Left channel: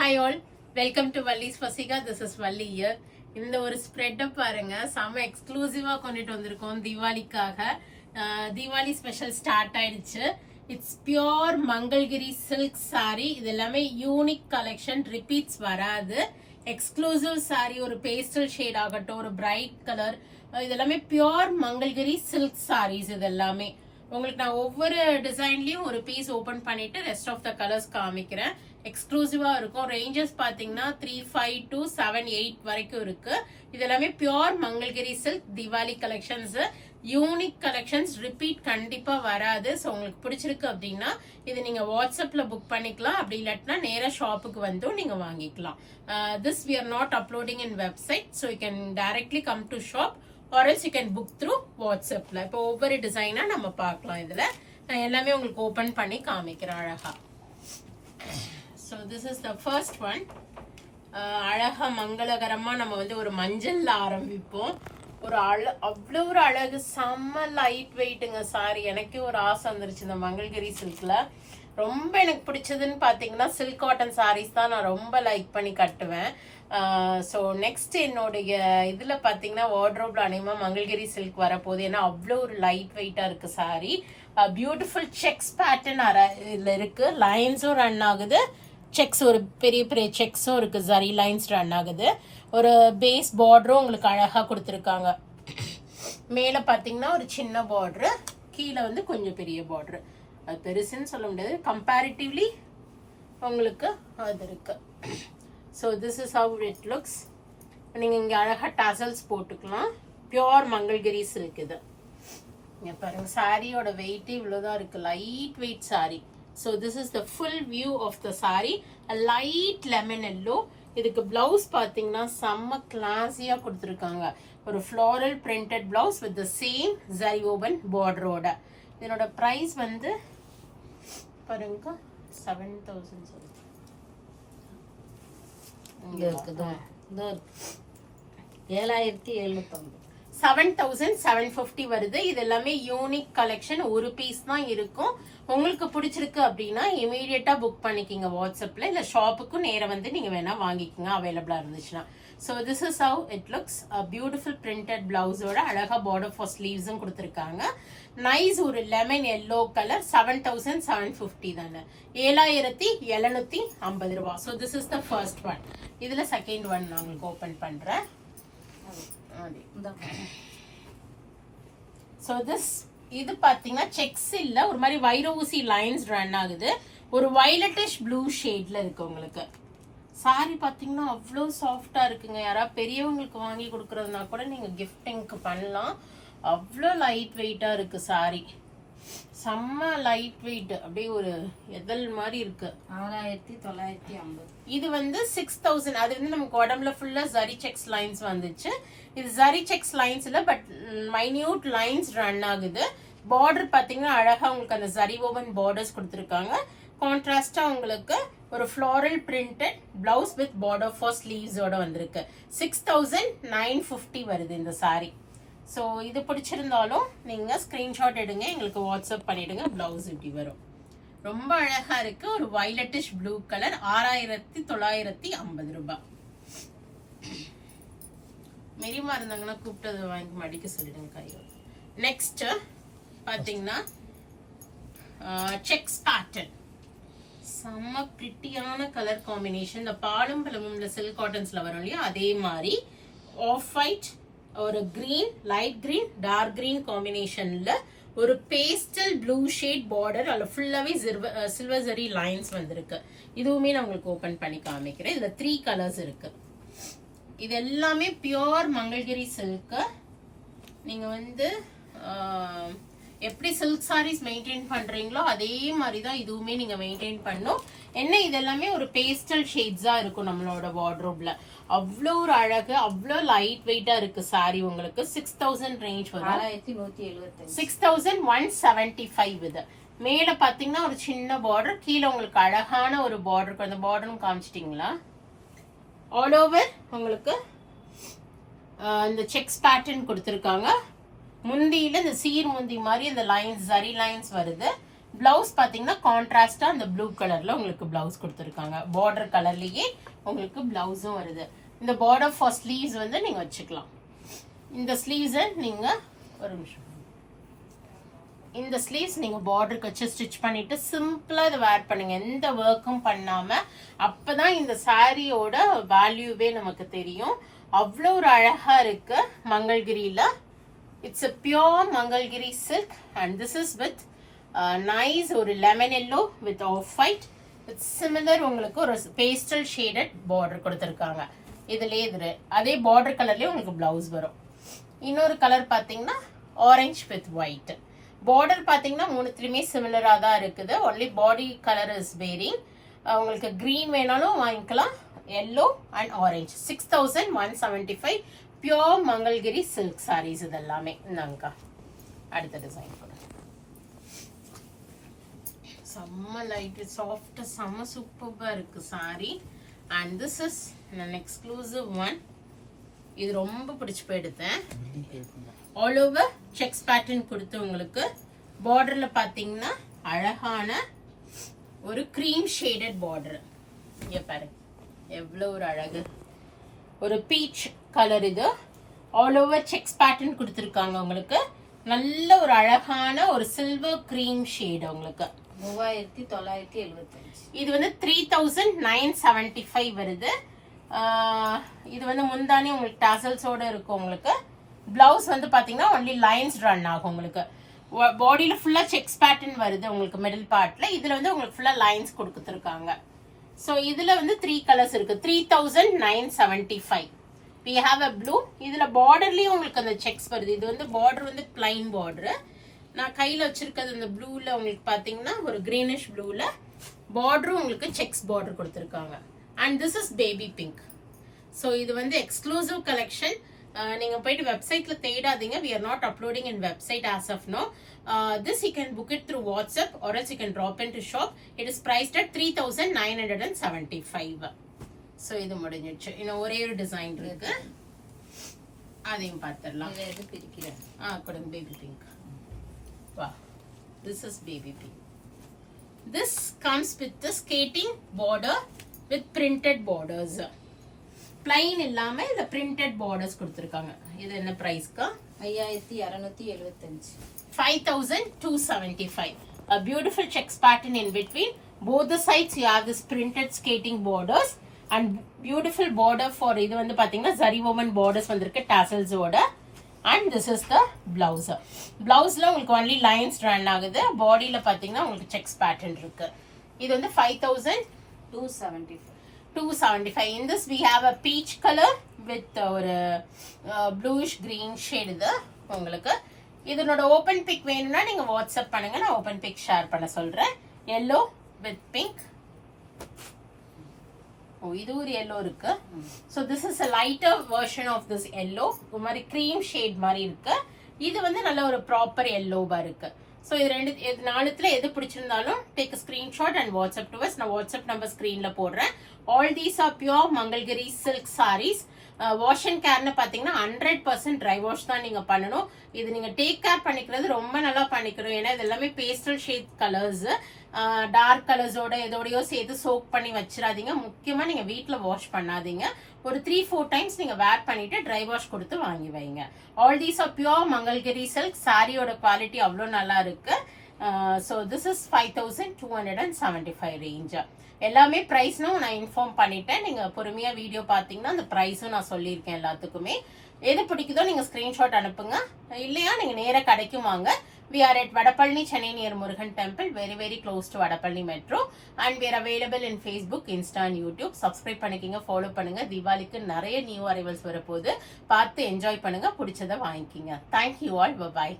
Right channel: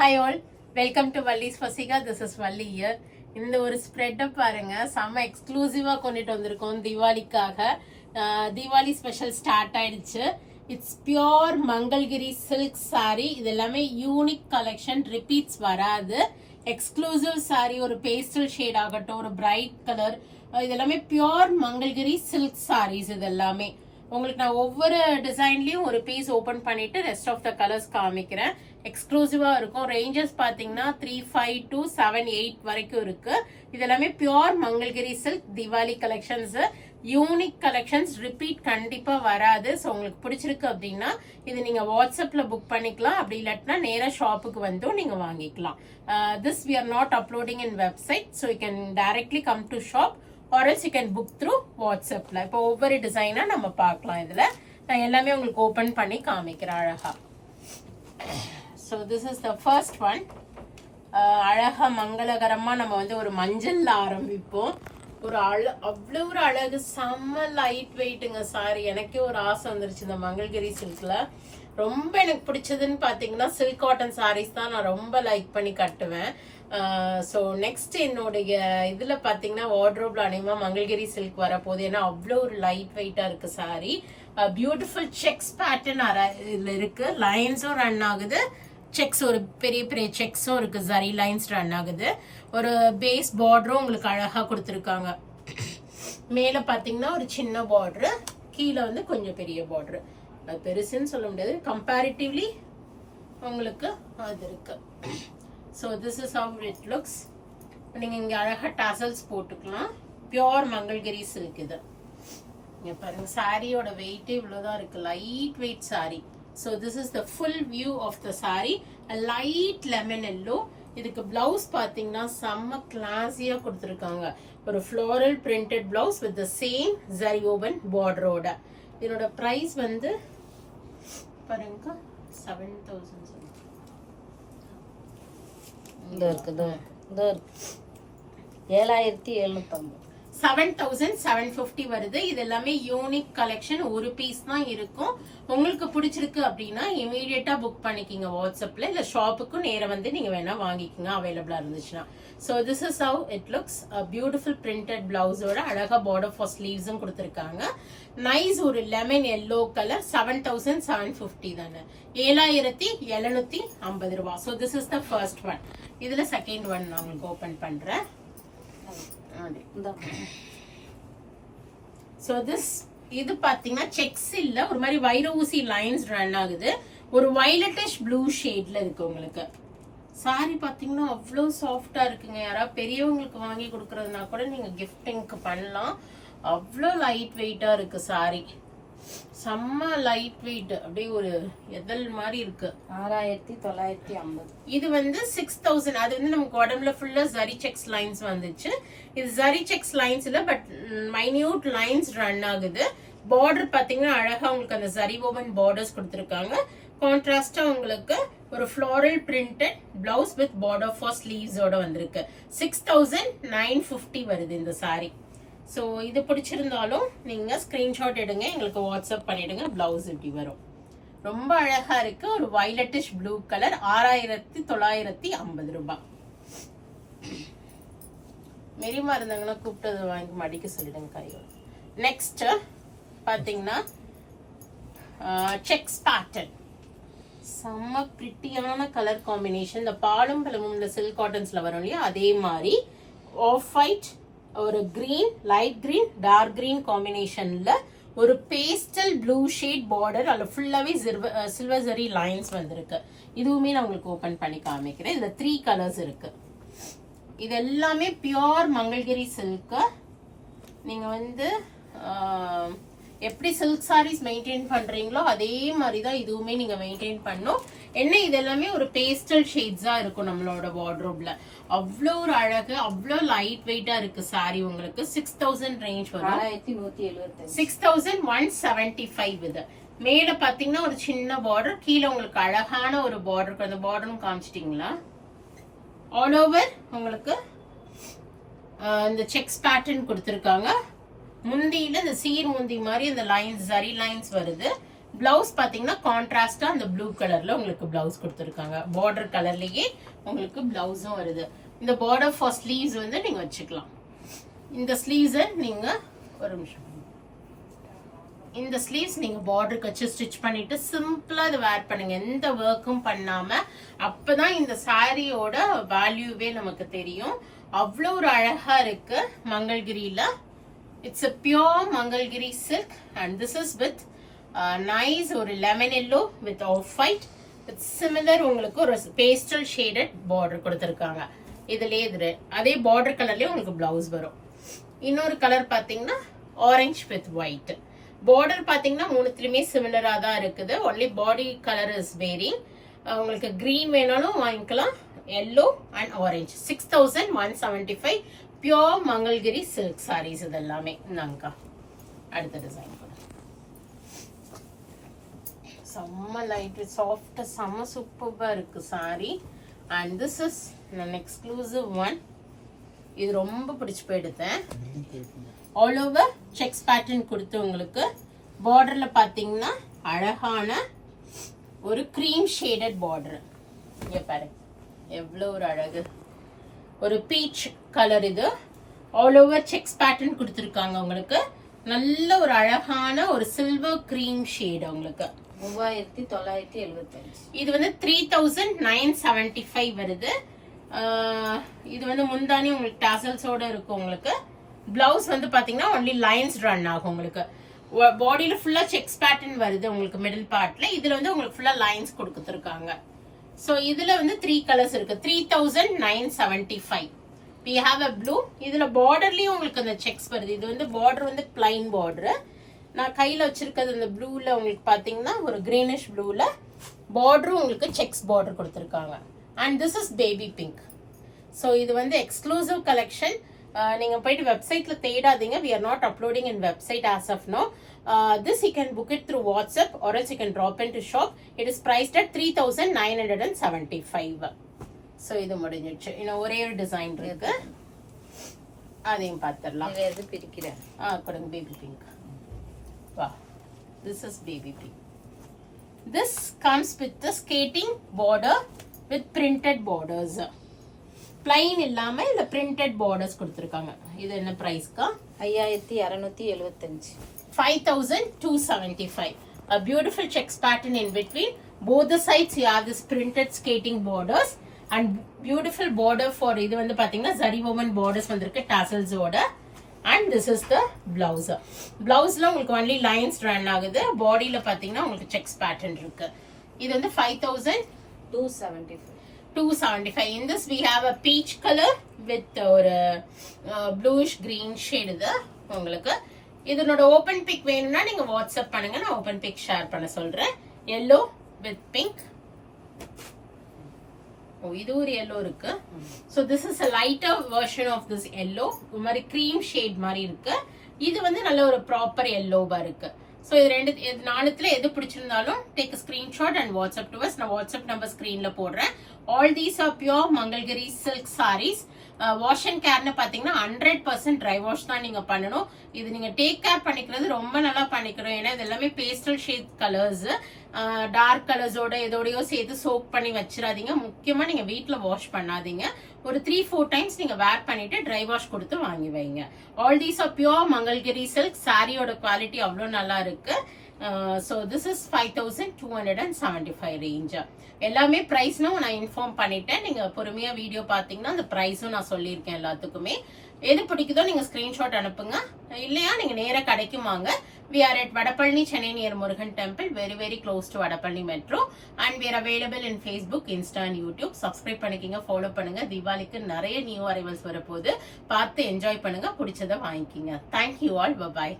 Hi all, welcome to Valli's Fasika. This is Valli here. இந்த ஒரு spread பாருங்க, செம்ம எக்ஸ்க்ளூசிவா கொண்டுட்டு வந்திருக்கோம் தீபாவளிக்காக. தீபாவளி ஸ்பெஷல் ஸ்டார்ட் ஆயிடுச்சு. It's pure Mangalagiri silk sorry. இது எல்லாமே யூனிக் கலெக்ஷன், ரிப்பீட்ஸ் வராது. எக்ஸ்க்ளூசிவ் சாரி, ஒரு பேஸ்டல் ஷேட் ஆகட்டும், ஒரு பிரைட் கலர், இது எல்லாமே பியோர் மங்கள்கிரி சில்க் சாரீஸ். இது எல்லாமே உங்களுக்கு நான் ஒவ்வொரு டிசைன்லயும் ஒரு பீஸ் ஓபன் பண்ணிட்டு ரெஸ்ட் ஆஃப் த கலர்ஸ் காமிக்கிறேன். எக்ஸ்க்ளூசிவா இருக்கும். ரேஞ்சஸ் பாத்தீங்கன்னா 3.5 to 7.8 வரைக்கும் இருக்கு. இது எல்லாமே pure Mangalagiri silk Deepavali collections, unique collections, repeat கண்டிப்பா வராது. ஸோ உங்களுக்கு பிடிச்சிருக்கு அப்படின்னா இது நீங்க வாட்ஸ்அப்ல புக் பண்ணிக்கலாம். அப்படி இல்லாட்டினா நேரா ஷாப்புக்கு வந்தும் நீங்க வாங்கிக்கலாம். This we are not uploading in website, so you can directly come to shop or else you can book through வாட்ஸ்அப்ல. இப்போ ஒவ்வொரு டிசைனா நம்ம பார்க்கலாம். இதுல நான் எல்லாமே உங்களுக்கு ஓபன் பண்ணி காமிக்கிறேன் அழகா. So this is the first one. அழகா மங்களகரமா நம்ம வந்து ஒரு மஞ்சள்ல ஆரம்பிப்போம். ஒரு அவ்வளோ ஒரு அழகு, செம்ம லைட் வெயிட்டுங்க சாரி. எனக்கே ஒரு ஆசை வந்துருச்சு இந்த மங்கள்கிரி சில்க்ல. ரொம்ப எனக்கு பிடிச்சதுன்னு பாத்தீங்கன்னா சில்க் காட்டன் சாரீஸ் தான் நான் ரொம்ப லைக் பண்ணி கட்டுவேன். ஸோ நெக்ஸ்ட் என்னுடைய இதுல பாத்தீங்கன்னா வார்ட்ரோப்ல அநேகமா மங்கள்கிரி சில்க் வரப்போகுது. ஏன்னா அவ்வளோ ஒரு லைட் வெயிட்டா இருக்கு சாரி. பியூட்டிஃபுல் செக்ஸ் பேட்டர்ன் இதுல இருக்கு. லைன்ஸும் ரன் ஆகுது, செக்ஸ் ஒரு பெரிய பெரிய செக்ஸும் இருக்கு, ஜரி லைன்ஸ் ரன் ஆகுது. ஒரு பேஸ் பார்டரும் உங்களுக்கு அழகா கொடுத்துருக்காங்க. மேல பாத்தீங்கன்னா ஒரு சின்ன பார்டரு, கீழே வந்து கொஞ்சம் பெரிய பார்டரு. அது பெருசுன்னு சொல்ல முடியாது, கம்பேரிட்டிவ்லி உங்களுக்கு அது இருக்கு. So this is how it looks. நீங்க இங்க அழகா டாசல்ஸ் போட்டுக்கலாம். பியோர் மங்கள்கிரி சில்க் இது. இங்க பாருங்க, சாரியோட வெயிட் இவ்வளவுதான் இருக்கு. Light weight sari. So this is the full view of the sari. Light lemon yellow. இதுக்கு பிளவுஸ் பாத்தீங்கன்னா செம்ம கிளாஸியா கொடுத்துருக்காங்க. ஒரு floral printed blouse with the same zari woven பார்டரோட. இதனோட பிரைஸ் வந்து பாருங்க 7,000. இந்த இருக்கு, இந்த இருக்கு 7,750. 7,750 வருது. இது எல்லாமே யூனிக் கலெக்ஷன். ஒரு பீஸ் தான் இருக்கும். உங்களுக்கு பிடிச்சிருக்கு அப்படின்னா இமீடியட்டா புக் பண்ணிக்கிங்க வாட்ஸ்அப்ல, இல்ல ஷாப்புக்கும் நேரம் வந்து நீங்க வேணா வாங்கிக்கிங்க அவைலபிளா இருந்துச்சுன்னா. So this is how it looks. Beautiful printed பிளவுஸோட அழகா பார்டர் ஃபார் ஸ்லீவ்ஸும் கொடுத்துருக்காங்க. நைஸ் ஒரு லெமன் எல்லோ கலர். 7,750 தானே, 7,750 ரூபாய். So this is the first one. இதுல செகண்ட் ஒன் நான் உங்களுக்கு ஓபன் பண்றேன். சோ திஸ் இது பாத்தீங்கன்னா செக்ஸ் இல்ல, ஒரு மாதிரி வைர ஊசி லைன்ஸ் ரன் ஆகுது. ஒரு வயலட்டிஷ் ப்ளூ ஷேட்ல இருக்கு உங்களுக்கு. சாரி பாத்தீங்கன்னா அவ்வளோ சாஃப்டா இருக்குங்க. யாராவது பெரியவங்களுக்கு வாங்கி கொடுக்கறதுனா கூட நீங்க கிஃப்டிங்க்கு பண்ணலாம். அவ்வளோ லைட் வெயிட்டா இருக்கு சாரி. செம்ம லைட் வெயிட், அப்படியே ஒரு எதல் மாதிரி இருக்கு. 6,950. இது வந்து 6,000. அது வந்து நமக்கு உடம்புல ஃபுல்லா ஜரி செக்ஸ் லைன்ஸ் வந்துச்சு. இது ஜரி செக்ஸ் லைன்ஸ் இல்ல, பட் மைன்யூட் லைன்ஸ் ரன் ஆகுது. பார்டர் பாத்தீங்கன்னா அழகா உங்களுக்கு அந்த ஜரி ஓவன் பார்டர்ஸ் கொடுத்துருக்காங்க. கான்ட்ராஸ்டா உங்களுக்கு ஒரு floral printed blouse with border for ஸ்லீவ்ஸோட வந்திருக்கு. 6,950 வருது இந்த சாரி. ஸோ இது பிடிச்சிருந்தாலும் நீங்க ஸ்கிரீன்ஷாட் எடுங்க, எங்களுக்கு வாட்ஸ்அப் பண்ணிடுங்க. பிளவுஸ் இப்படி வரும். ரொம்ப அழகா இருக்கு. ஒரு வயலட்டிஷ் ப்ளூ கலர். 6,950 ரூபாய். மெரிமா இருந்தாங்கன்னா கூப்பிட்டு வாங்கி மடிக்க சொல்லிடுங்க கையோட. நெக்ஸ்ட் பாத்தீங்கன்னா செக்ஸ் பேட்டர்ன். செம்ம பிரிட்டியான கலர் காம்பினேஷன். இந்த பாலும் பழமும் சில்க் காட்டன்ஸ்ல வரும் இல்லையா, அதே மாதிரி ஆஃப் ஒயிட், ஒரு green, light green, dark green காம்பினேஷன்ல ஒரு பேஸ்டல் ப்ளூ ஷேட் பார்டர். அதுல ஃபுல்லாவே சில்வர் ஜரி லைன்ஸ் வந்திருக்கு. இதுவுமே நான் உங்களுக்கு ஓபன் பண்ணி காமிக்கிறேன். இதுல 3 கலர்ஸ் இருக்கு. இது எல்லாமே பியோர் மங்கள்கிரி சில்க். நீங்க வந்து எப்படி சில்க் சாரீஸ் மெயின்டைன் பண்றீங்களோ அதே மாதிரிதான் இதுவுமே நீங்க மெயின்டைன் பண்ணும். என்ன இது எல்லாமே ஒரு பேஸ்டல் ஷேட்ஸா இருக்கும் நம்மளோட வார்ட்ரோப்ல. அவ்வளோ ஒரு அழகு, அவ்வளோ லைட் வெயிட்டா இருக்கு சாரி. உங்களுக்கு 6,000 ரேஞ்ச் வரும். 6,175. 6,175 இது. மேல பாத்தீங்கன்னா ஒரு சின்ன பார்டர், கீழே உங்களுக்கு அழகான ஒரு பார்டர். அந்த பார்டரும் காமிச்சிட்டீங்களா? ஆல் ஓவர் உங்களுக்கு இந்த செக்ஸ் பேட்டர்ன் கொடுத்திருக்காங்க. முந்தியில இந்த சீர் முந்தி மாதிரி இந்த லைன்ஸ் ஜரி லைன்ஸ் வருது. பிளவுஸ் பாத்தீங்கன்னா கான்ட்ராஸ்டா அந்த ப்ளூ கலர்ல உங்களுக்கு பிளவுஸ் கொடுத்துருக்காங்க. பார்டர் கலர்லயே உங்களுக்கு பிளவுஸும் வருது. இந்த பார்டர் ஃபார் ஸ்லீவ்ஸ் வந்து நீங்க வச்சுக்கலாம். இந்த ஸ்லீவ்ஸை நீங்க ஒரு நிமிஷம், இந்த ஸ்லீவ்ஸ் நீங்க பார்டருக்கு வச்சு ஸ்டிச் பண்ணிட்டு சிம்பிளா இதை வேர் பண்ணுங்க, எந்த ஒர்க்கும் பண்ணாம. அப்பதான் இந்த சாரியோட வேல்யூவே நமக்கு தெரியும். அவ்வளோ ஒரு அழகா இருக்கு மங்கள்கிரியில. It's a pure Mangalagiri silk and this is with nice ஒரு lemon yellow with off white with similar உங்களுக்கு ஒரு pastel shaded border கொடுத்திருக்காங்க. இதுலயே இது அதே border கலர்லயே உங்களுக்கு பிளவுஸ் வரும். இன்னொரு கலர் பாத்தீங்கன்னா orange with white. border பாத்தீங்கன்னா மூணுத்துலயுமே சிமிலரா தான் இருக்குது. only body color is varying. உங்களுக்கு green வேணாலும் வாங்கிக்கலாம். yellow and orange 6175 pure Mangalagiri silk sarees இதெல்லாமே. இந்தாங்கக்கா அடுத்த டிசைன் கூட செம்ம லைட் சாஃப்ட் செம்ம சூப்பரா இருக்கு sorry. And this is an exclusive one. இது ரொம்ப பிடிச்சு போயிடுத்தேன். ஆல் ஓவர் செக்ஸ் பேட்டர்ன் கொடுத்து உங்களுக்கு பார்டர்ல பாத்தீங்கன்னா அழகான ஒரு கிரீம் ஷேடட் பார்டர். இங்க பாரு எவ்வளவு ஒரு அழகு, ஒரு பீச் கலர். இது ஆல் ஓவர் செக்ஸ் பேட்டர்ன் கொடுத்துருக்காங்க உங்களுக்கு. நல்ல ஒரு அழகான ஒரு சில்வர் கிரீம் ஷேட் உங்களுக்கு. 3975. இது வந்து 3975 வருது. இது வந்து முந்தானி உங்களுக்கு டாசல்ஸோட இருக்கும் உங்களுக்கு. பிளவுஸ் வந்து பாத்தீங்கன்னா ஒன்லி லைன்ஸ் ரன் ஆகும் உங்களுக்கு. பாடியில ஃபுல்லா செக்ஸ் பேட்டர்ன் வருது உங்களுக்கு மிடில் பார்ட்ல. இதுல வந்து உங்களுக்கு ஃபுல்லா லைன்ஸ் கொடுத்துருக்காங்க. சோ இதுல வந்து 3 கலர்ஸ் இருக்கு. 3975. we have a blue. இதுல பார்டர்லயும் உங்களுக்கு அந்த செக்ஸ் வருது. இது வந்து பார்டர் வந்து பிளைன் பார்டர். நான் கையில வச்சிருக்கிறது இந்த ப்ளூல உங்களுக்கு பாத்தீங்கன்னா ஒரு கிரீனிஷ் ப்ளூல பார்டரும் உங்களுக்கு செக்ஸ் பார்டர் கொடுத்திருக்காங்க. And this is baby pink. So இது வந்து எக்ஸ்க்ளூசிவ் கலெக்ஷன். நீங்க போயிட்டு வெப்சைட்ல தேடாதீங்க. we are not uploading in website as of now. This you can book it through WhatsApp or else you can drop into shop. It is priced at 3975. so இது முடிஞ்சிடுச்சு. இன்னும் ஒரே ஒரு டிசைன் இருக்கு, அதையும் பார்த்துடலாம். இது பிரிக்கிறேன். கொடுங்க பேபி பிங்க். வா, this is baby pink. This comes with the skating border with printed borders. plain இல்லாம இந்த printed borders கொடுத்திருக்காங்க. இது என்ன பிரைஸ்க்கா? 5275. 5275. A beautiful checks pattern in between. Both the sides you have this printed skating borders and beautiful border for இது வந்து பாத்தீங்கன்னா zari woven borders வந்திருக்கு tassels ஓட. and this is the blouse. Blouseல உங்களுக்கு only lines run ஆகுது. பாடியில பாத்தீங்கன்னா உங்களுக்கு checks pattern இருக்கு. இது வந்து 5275. In this we have a peach color with ஒரு bluish green shade. இது உங்களுக்கு இதனோட ஓபன் பிக் வேணும்னா நீங்க வாட்ஸ்அப் பண்ணுங்க, நான் ஓபன் பிக் ஷேர் பண்ண சொல்றேன். yellow with pink. இது ஒரு yellow இருக்கு. so this is a lighter version of this yellow. ஒரு மாதிரி cream shade மாதிரி இருக்கு. இது வந்து நல்ல ஒரு ப்ராப்பர் yellowவா இருக்கு. so இது நாலுத்துல எது பிடிச்சிருந்தாலும் take a screenshot and WhatsApp to us. நான் WhatsApp நம்பர் ஸ்கிரீன்ல போடுறேன். all these are pure Mangalagiri silk sarees. Wash and கேர்னு பாத்தீங்கன்னா 100% ட்ரை வாஷ் தான் நீங்க பண்ணணும். இது நீங்க டேக் கேர் பண்ணிக்கிறது ரொம்ப நல்லா பண்ணிக்கணும். ஏன்னா இது எல்லாமே பேஸ்டல் ஷேட் கலர்ஸ். டார்க் கலர்ஸோட எதோடயோ சேர்த்து சோக் பண்ணி வச்சிடாதீங்க. முக்கியமா நீங்க வீட்டுல வாஷ் பண்ணாதீங்க. ஒரு 3-4 டைம்ஸ் நீங்க வேர் பண்ணிட்டு ட்ரை வாஷ் கொடுத்து வாங்கி வைங்க. All these are pure Mangalagiri silk. சாரியோட குவாலிட்டி அவ்வளவு நல்லா இருக்கு. so this is 5275 range. எல்லாமே பிரைஸ்னும் நான் இன்ஃபார்ம் பண்ணிட்டேன். நீங்க பொறுமையா வீடியோ பாத்தீங்கன்னா அந்த பிரைஸும் நான் சொல்லியிருக்கேன் எல்லாத்துக்குமே. எது பிடிக்குதோ நீங்க ஸ்கிரீன்ஷாட் அனுப்புங்க. இல்லையா நீங்க நேர கடைக்கும் வாங்க. we are at Vadapalani, Chennai near Murugan Temple, very close to Vadapalani Metro, and we are available in Facebook, Insta and YouTube. subscribe பண்ணிக்கங்க, ஃபாலோ பண்ணுங்க. தீபாவளிக்கு நிறைய நியூ அரைவல்ஸ் வரப்போகுது. பார்த்து என்ஜாய் பண்ணுங்க, பிடிச்சதை வாங்கிக்கிங்க. thank you all, bye bye.